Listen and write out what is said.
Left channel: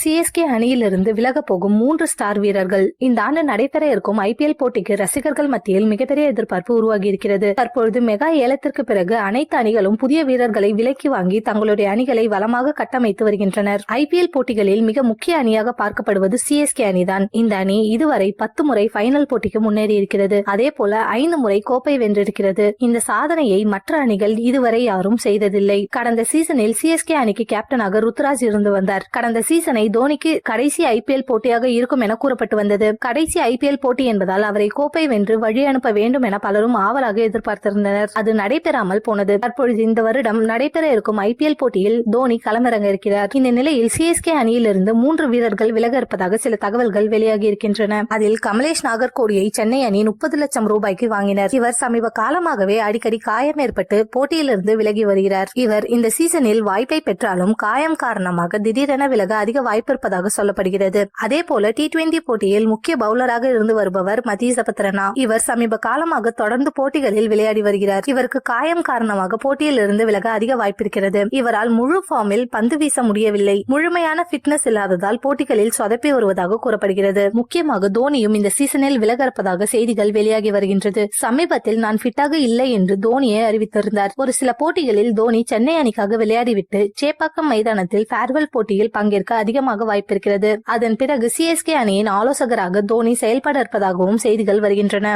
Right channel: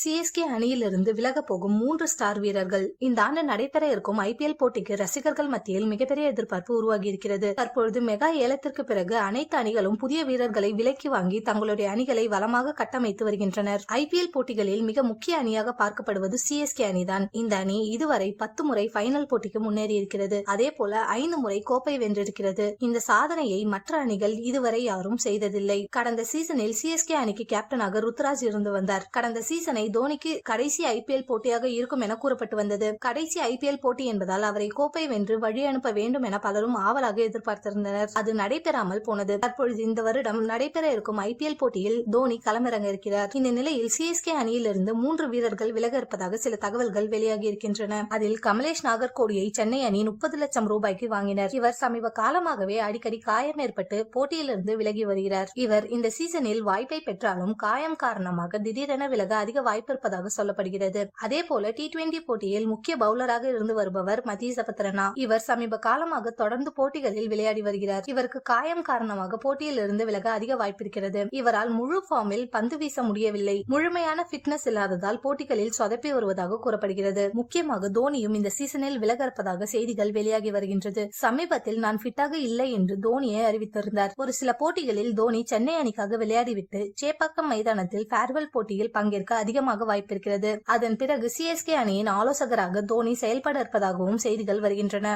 CSK அணியிலிருந்து விலக போகும் 3 ஸ்டார் வீரர்கள். இந்த ஆண்டு நடைபெற இருக்கும் ஐபிஎல் போட்டிக்கு ரசிகர்கள் மத்தியில் மிகப்பெரிய எதிர்பார்ப்பு உருவாகி இருக்கிறது. தற்பொழுது மெகா ஏலத்திற்கு பிறகு அனைத்து அணிகளும் புதிய வீரர்களை விலைக்கு வாங்கி தங்களுடைய அணிகளை வளமாக கட்டமைத்து வருகின்றனர். ஐபிஎல் போட்டிகளில் மிக முக்கிய அணியாக பார்க்கப்படுவது சிஎஸ்கே அணிதான். இந்த அணி இதுவரை 10 முறை பைனல் போட்டிக்கு முன்னேறி இருக்கிறது. அதே போல 5 முறை கோப்பை வென்றிருக்கிறது. இந்த சாதனையை மற்ற அணிகள் இதுவரை யாரும் செய்ததில்லை. கடந்த சீசனில் சிஎஸ்கே அணிக்கு கேப்டனாக ருத்ராஜ் இருந்து வந்தார். கடந்த சீசனை தோனிக்கு கடைசி ஐபிஎல் போட்டியாக இருக்கும் என கூறப்பட்டு வந்தது. கடைசி ஐபிஎல் போட்டி என்பதால் அவரை கோப்பை வென்று வழி அனுப்ப வேண்டும் என பலரும் ஆவலாக எதிர்பார்த்திருந்தனர். அது நடைபெறாமல் போனது. தற்பொழுது இந்த வருடம் நடைபெற இருக்கும் ஐபிஎல் போட்டியில் தோனி களமிறங்க இருக்கிறார். இந்த நிலையில் சிஎஸ்கே அணியிலிருந்து 3 வீரர்கள் விலக இருப்பதாக சில தகவல்கள் வெளியாகி இருக்கின்றன. அதில் கமலேஷ் நாகர்கோடியை சென்னை அணி 30 லட்சம் ரூபாய்க்கு வாங்கினர். இவர் சமீப காலமாகவே அடிக்கடி காயம் ஏற்பட்டு போட்டியிலிருந்து விலகி வருகிறார். இவர் இந்த சீசனில் வாய்ப்பை பெற்றாலும் காயம் காரணமாக திடீரென விலக அதிக வாய்ப்பு இருப்பதாக சொல்லப்படுகிறது. அதே போல T20 போட்டியில் முக்கிய பவுலராக இருந்து வருபவர் மதீஷ் பத்ரனா. இவர் சமீப காலமாக தொடர்ந்து போட்டிகளில் விளையாடி வருகிறார். இவருக்கு காயம் காரணமாக போட்டியில் இருந்து விலக அதிக வாய்ப்பு இருக்கிறது. இவரால் முழு ஃபார்மில் பந்து வீச முடியவில்லை. முழுமையான பிட்னஸ் இல்லாததால் போட்டிகளில் சொதப்பி வருவதாக கூறப்படுகிறது. முக்கியமாக தோனியும் இந்த சீசனில் விலக இருப்பதாக செய்திகள் வெளியாகி வருகின்றது. சமீபத்தில் நான் ஃபிட்டாக இல்லை என்று தோனியை அறிவித்திருந்தார். ஒரு சில போட்டிகளில் தோனி சென்னை அணிக்காக விளையாடிவிட்டு சேப்பாக்கம் மைதானத்தில் ஃபேர்வெல் போட்டியில் பங்கேற்க அதிகமாக வாய்ப்பிருக்கிறது. அதன் பிறகு சிஎஸ்கே அணியின் ஆலோசகராக தோனி செயல்பட இருப்பதாகவும் செய்திகள் வருகின்றன.